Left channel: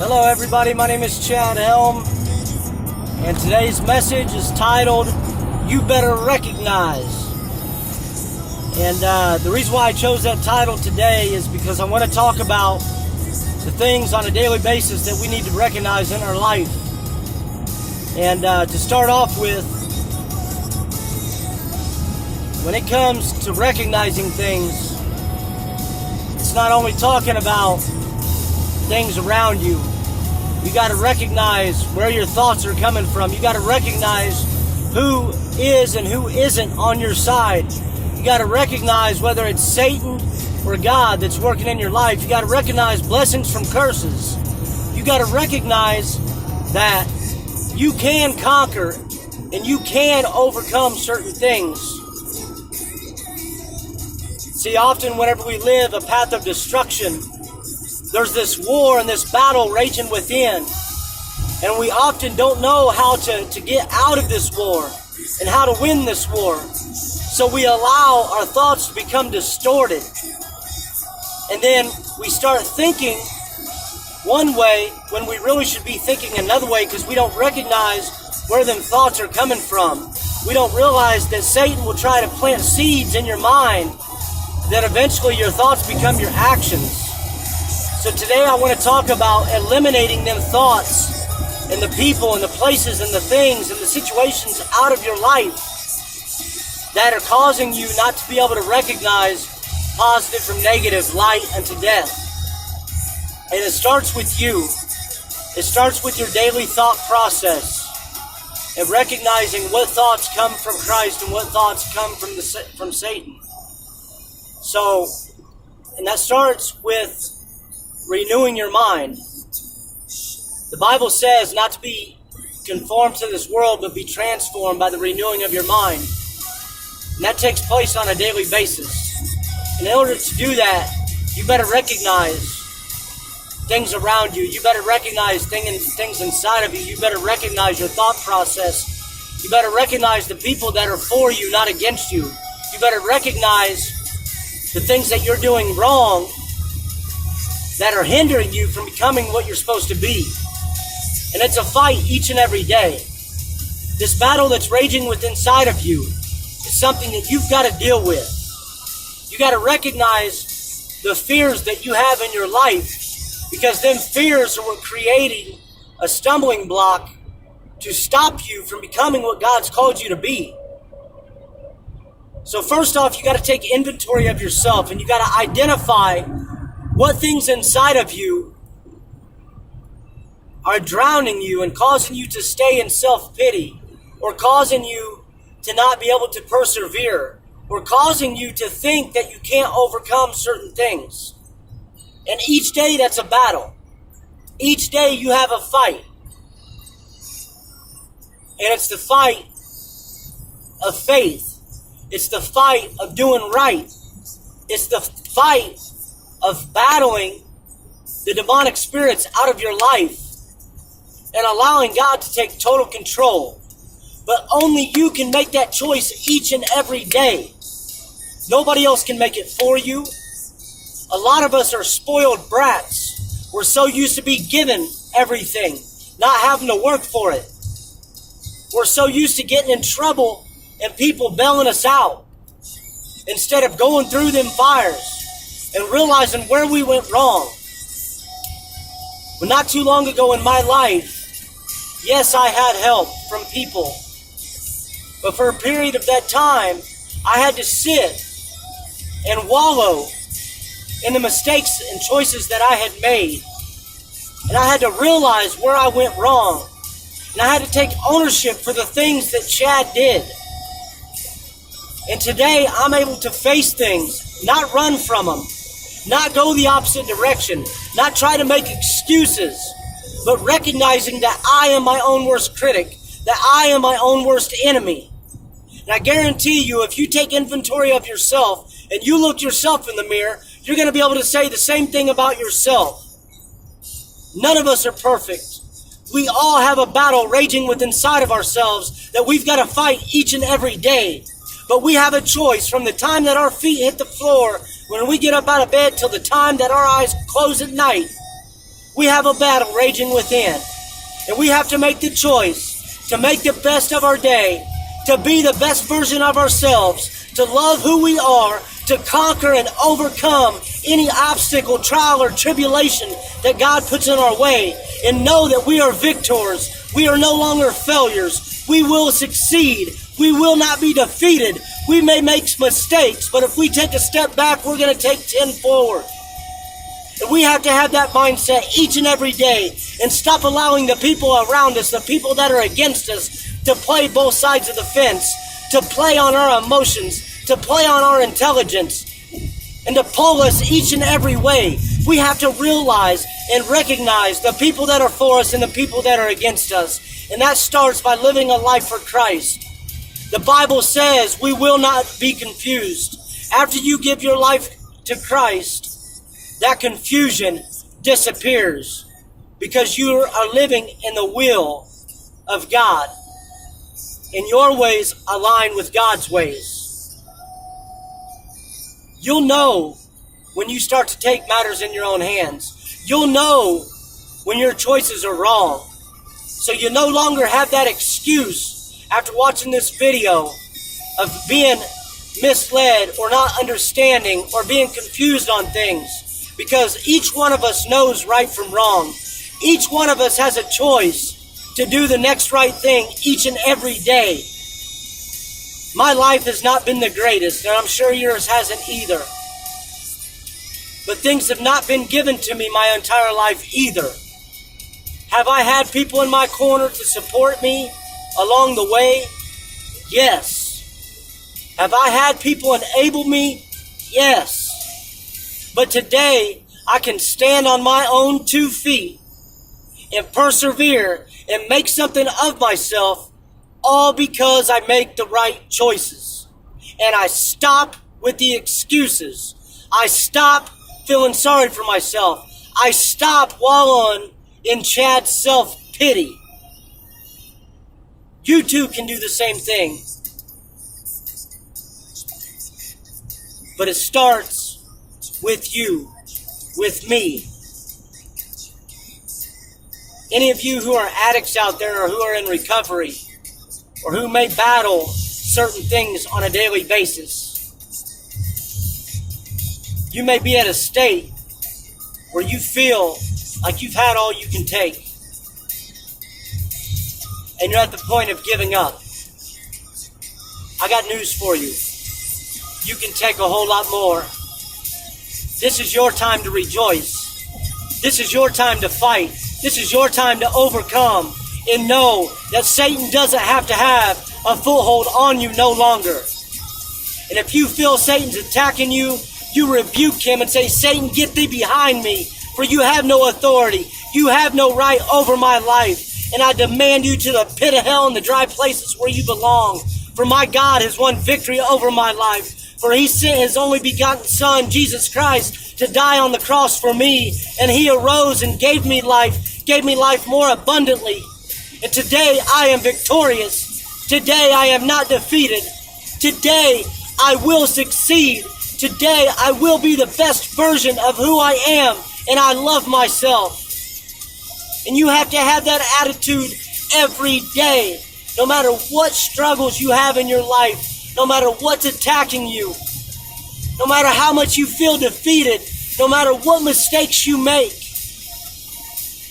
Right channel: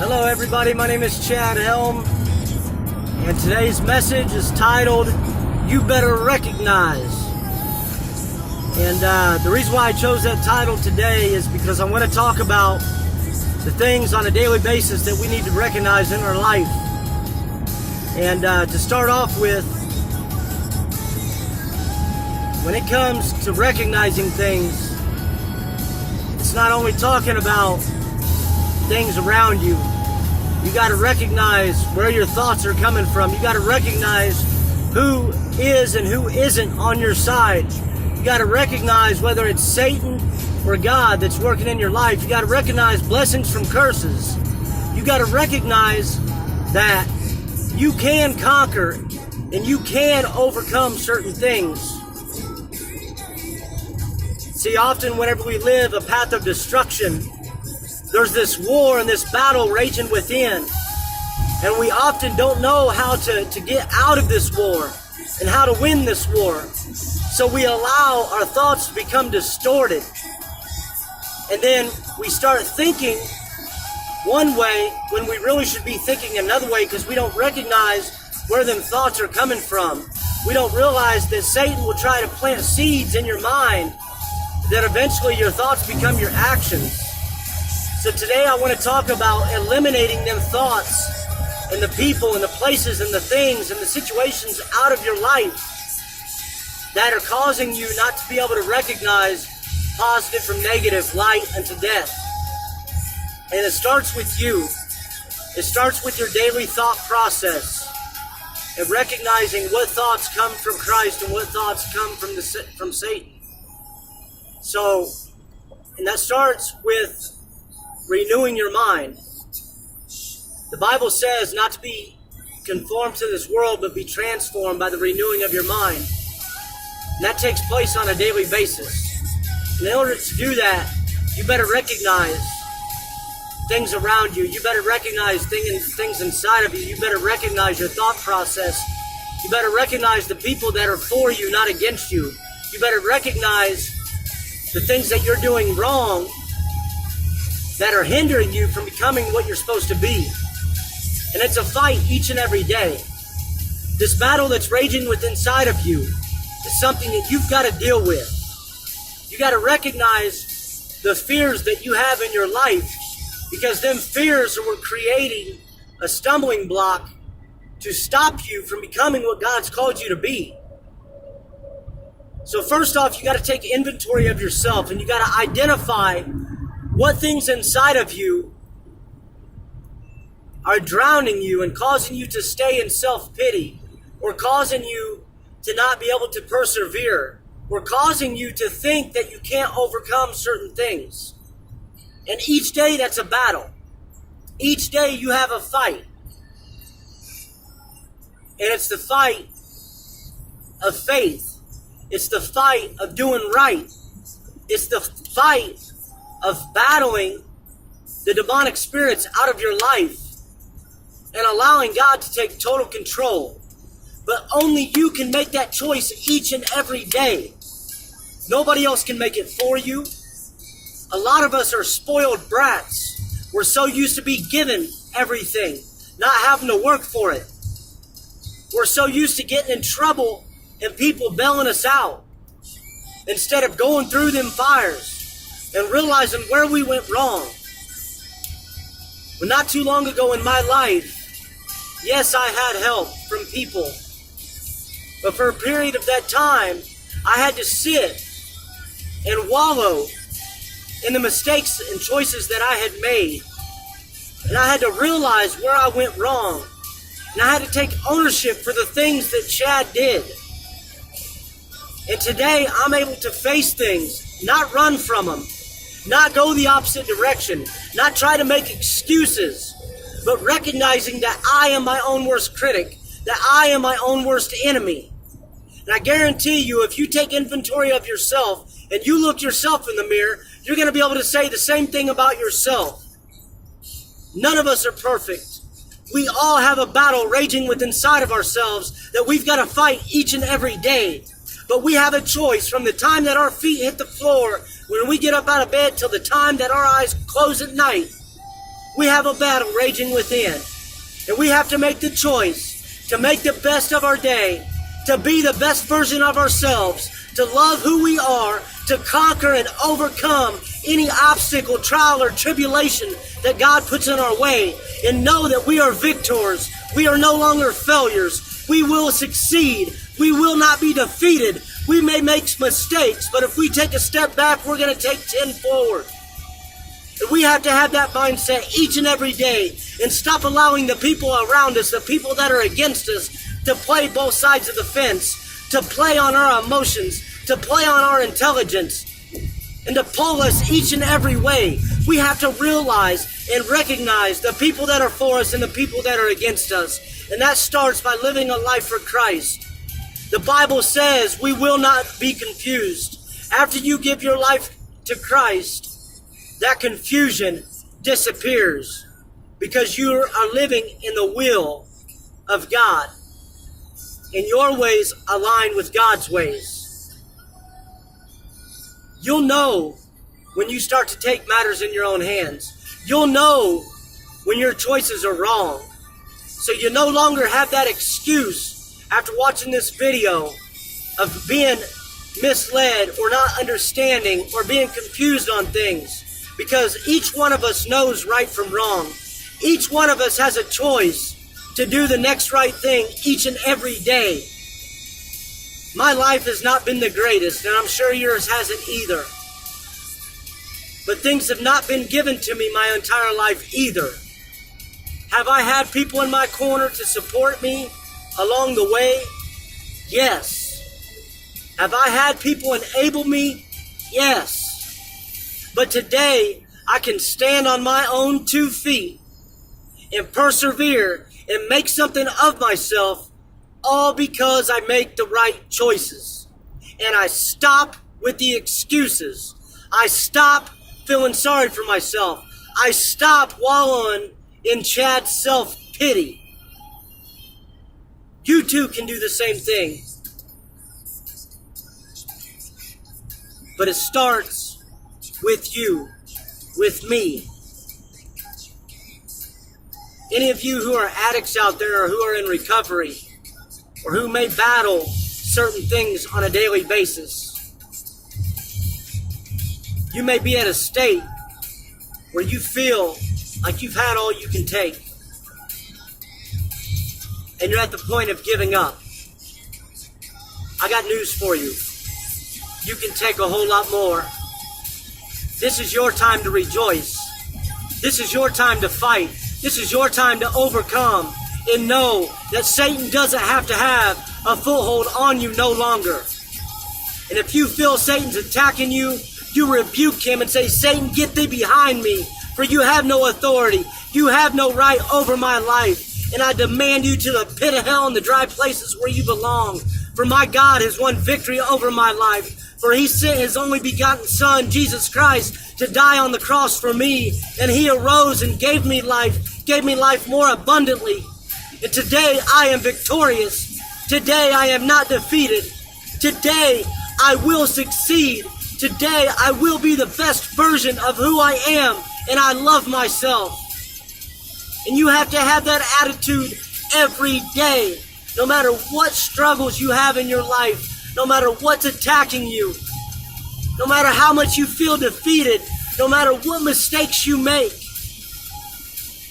Hello everybody, my name is Chad Helm, and today's message is titled, You Better Recognize. And the reason why I chose that title today is because I want to talk about the things on a daily basis that we need to recognize in our life. And to start off with, when it comes to recognizing things, it's not only talking about things around you. You got to recognize where your thoughts are coming from. You got to recognize who is and who isn't on your side. You got to recognize whether it's Satan or God that's working in your life. You got to recognize blessings from curses. You got to recognize that you can conquer and you can overcome certain things. See, often whenever we live a path of destruction, there's this war and this battle raging within. And we often don't know how to get out of this war and how to win this war. So we allow our thoughts to become distorted. And then we start thinking one way when we really should be thinking another way because we don't recognize where them thoughts are coming from. We don't realize that Satan will try to plant seeds in your mind that eventually your thoughts become your actions. So today I want to talk about eliminating them thoughts and the people and the places and the things and the situations out of your life that are causing you not to be able to recognize positive from negative, light unto death. And it starts with you. It starts with your daily thought process and recognizing what thoughts come from Christ and what thoughts come from Satan. So, and that starts with renewing your mind. The Bible says not to be conformed to this world, but be transformed by the renewing of your mind. And that takes place on a daily basis. And in order to do that, you better recognize things around you. You better recognize things inside of you. You better recognize your thought process. You better recognize the people that are for you, not against you. You better recognize the things that you're doing wrong that are hindering you from becoming what you're supposed to be. And it's a fight each and every day. This battle that's raging within inside of you is something that you've got to deal with. You got to recognize the fears that you have in your life, because them fears are what creating a stumbling block to stop you from becoming what God's called you to be. So first off, you got to take inventory of yourself and you got to identify what things inside of you are drowning you and causing you to stay in self-pity, or causing you to not be able to persevere, or causing you to think that you can't overcome certain things. And each day that's a battle. Each day you have a fight. And it's the fight of faith. It's the fight of doing right. It's the fight of battling the demonic spirits out of your life and allowing God to take total control. But only you can make that choice each and every day. Nobody else can make it for you. A lot of us are spoiled brats. We're so used to be given everything, not having to work for it. We're so used to getting in trouble and people bailing us out instead of going through them fires and realizing where we went wrong. Well, not too long ago in my life, yes, I had help from people. But for a period of that time, I had to sit and wallow in the mistakes and choices that I had made. And I had to realize where I went wrong. And I had to take ownership for the things that Chad did. And today, I'm able to face things, not run from them, not go the opposite direction, not try to make excuses, but recognizing that I am my own worst critic, that I am my own worst enemy. And I guarantee you, if you take inventory of yourself and you look yourself in the mirror, you're going to be able to say the same thing about yourself. None of us are perfect. We all have a battle raging within inside of ourselves that we've got to fight each and every day. But we have a choice from the time that our feet hit the floor, when we get up out of bed, till the time that our eyes close at night. We have a battle raging within. And we have to make the choice to make the best of our day, to be the best version of ourselves, to love who we are, to conquer and overcome any obstacle, trial, or tribulation that God puts in our way, and know that we are victors. We are no longer failures. We will succeed. We will not be defeated. We may make mistakes, but if we take a step back, we're going to take 10 forward. And we have to have that mindset each and every day and stop allowing the people around us, the people that are against us, to play both sides of the fence, to play on our emotions, to play on our intelligence, and to pull us each and every way. We have to realize and recognize the people that are for us and the people that are against us. And that starts by living a life for Christ. The Bible says we will not be confused. After you give your life to Christ, that confusion disappears because you are living in the will of God. And your ways align with God's ways. You'll know when you start to take matters in your own hands. You'll know when your choices are wrong. So you no longer have that excuse after watching this video of being misled or not understanding or being confused on things. Because each one of us knows right from wrong. Each one of us has a choice to do the next right thing each and every day. My life has not been the greatest, and I'm sure yours hasn't either. But things have not been given to me my entire life either. Have I had people in my corner to support me along the way? Yes. Have I had people enable me? Yes. But today, I can stand on my own 2 feet and persevere and make something of myself, all because I make the right choices. And I stop with the excuses. I stop feeling sorry for myself. I stop wallowing in Chad's self-pity. You too can do the same thing. But it starts with you, with me. Any of you who are addicts out there or who are in recovery or who may battle certain things on a daily basis, you may be at a state where you feel like you've had all you can take and you're at the point of giving up. I got news for you. You can take a whole lot more. This is your time to rejoice. This is your time to fight. This is your time to overcome and know that Satan doesn't have to have a foothold on you no longer. And if you feel Satan's attacking you, you rebuke him and say, Satan, get thee behind me, for you have no authority. You have no right over my life. And I demand you to the pit of hell and the dry places where you belong. For my God has won victory over my life. For he sent his only begotten Son, Jesus Christ, to die on the cross for me. And he arose and gave me life more abundantly. And today I am victorious. Today I am not defeated. Today I will succeed. Today I will be the best version of who I am. And I love myself. And you have to have that attitude every day. No matter what struggles you have in your life. No matter what's attacking you. No matter how much you feel defeated. No matter what mistakes you make.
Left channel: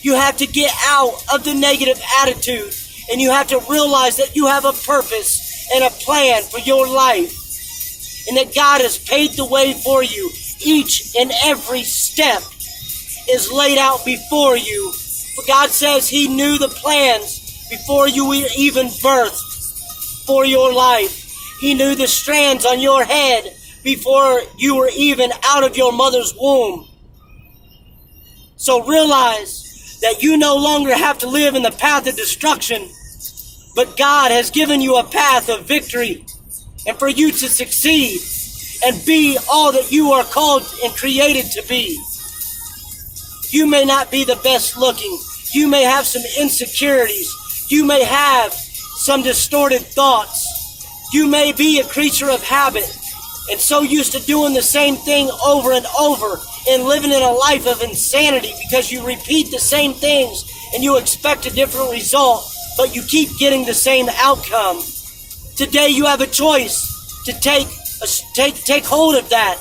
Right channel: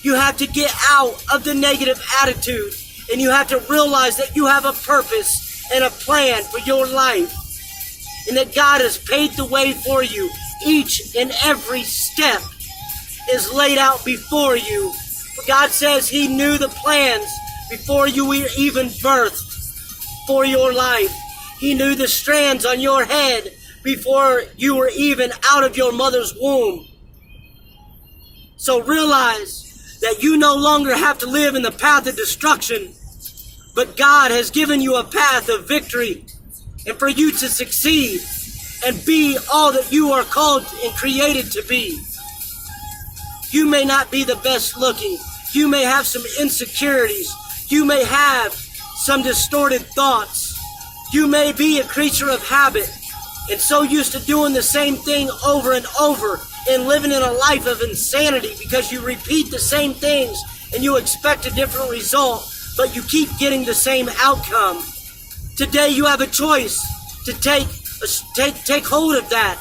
You have to get out of the negative attitude. And you have to realize that you have a purpose and a plan for your life. And that God has paved the way for you. Each and every step is laid out before you. For God says he knew the plans before you were even birthed for your life. He knew the strands on your head before you were even out of your mother's womb. So realize that you no longer have to live in the path of destruction, but God has given you a path of victory, and for you to succeed and be all that you are called and created to be. You may not be the best looking. You may have some insecurities. You may have some distorted thoughts. You may be a creature of habit and so used to doing the same thing over and over and living in a life of insanity because you repeat the same things and you expect a different result, but you keep getting the same outcome. Today you have a choice to take hold of that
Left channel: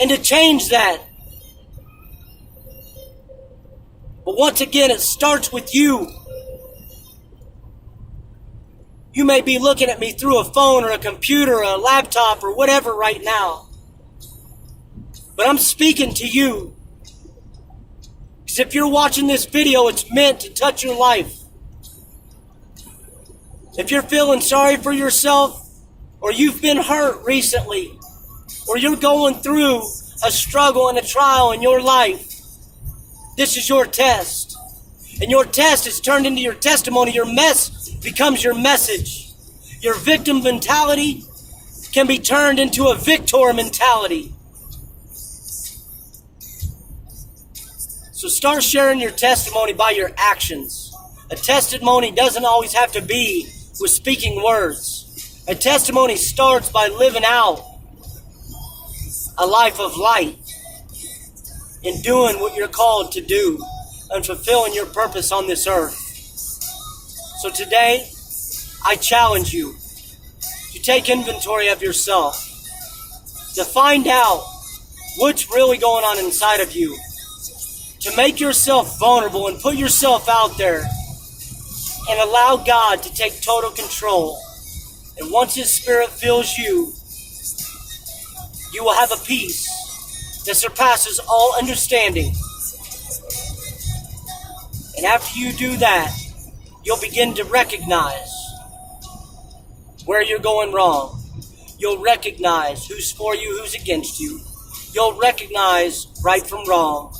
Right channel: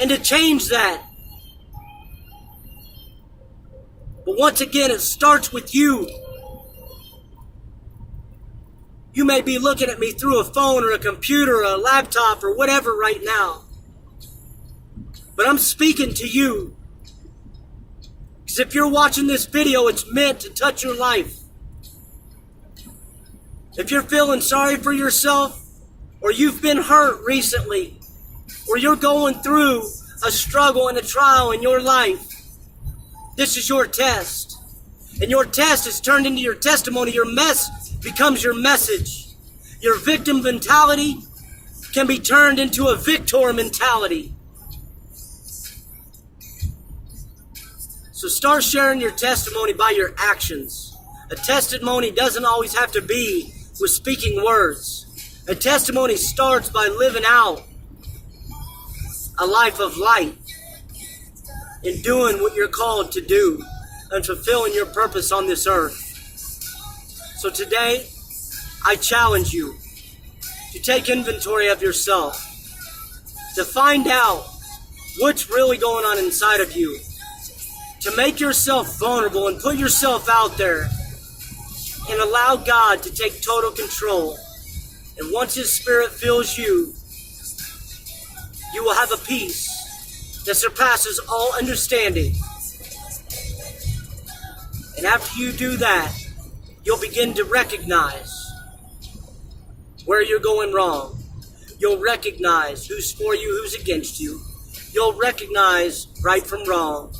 and to change that. But once again, it starts with you. You may be looking at me through a phone or a computer or a laptop or whatever right now. But I'm speaking to you. Because if you're watching this video, it's meant to touch your life. If you're feeling sorry for yourself, or you've been hurt recently, or you're going through a struggle and a trial in your life, this is your test. And your test is turned into your testimony. Your mess becomes your message. Your victim mentality can be turned into a victor mentality. So start sharing your testimony by your actions. A testimony doesn't always have to be with speaking words. A testimony starts by living out a life of light and doing what you're called to do and fulfilling your purpose on this earth. So today, I challenge you to take inventory of yourself, to find out what's really going on inside of you, to make yourself vulnerable and put yourself out there and allow God to take total control. And once His Spirit fills you, you will have a peace that surpasses all understanding. And after you do that, you'll begin to recognize where you're going wrong. You'll recognize who's for you, who's against you. You'll recognize right from wrong.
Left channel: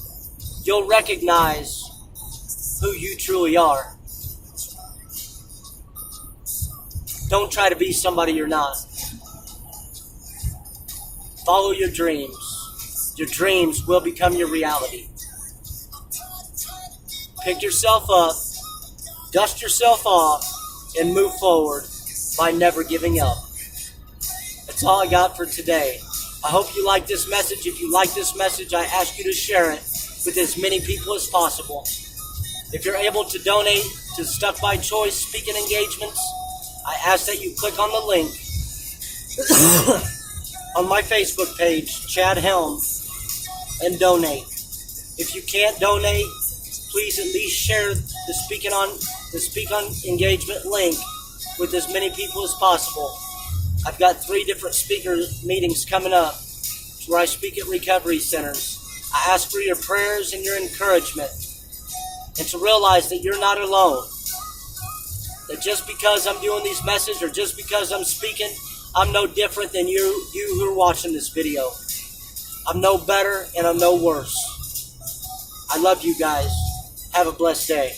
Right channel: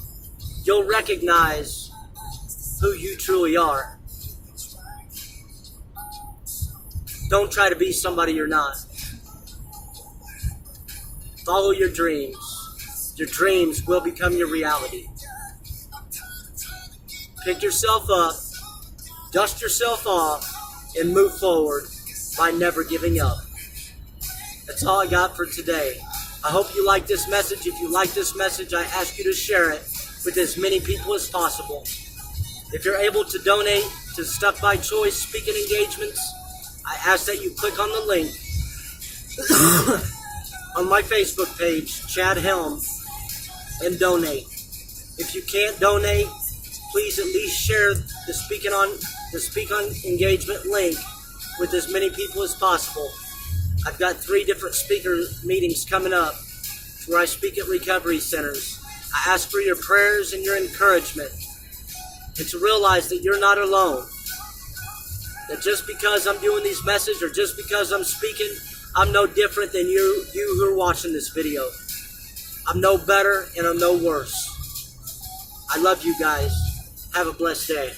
You'll recognize who you truly are. Don't try to be somebody you're not. Follow your dreams. Your dreams will become your reality. Pick yourself up, dust yourself off, and move forward by never giving up. That's all I got for today. I hope you like this message. If you like this message, I ask you to share it with as many people as possible. If you're able to donate to Stuck by Choice speaking engagements, I ask that you click on the link on my Facebook page, Chad Helm, and donate. If you can't donate, please at least share the Speak on Engagement link with as many people as possible. I've got 3 different speaker meetings coming up where I speak at recovery centers. I ask for your prayers and your encouragement, and to realize that you're not alone. That just because I'm doing these messages or just because I'm speaking, I'm no different than you who are watching this video. I'm no better and I'm no worse. I love you guys. Have a blessed day.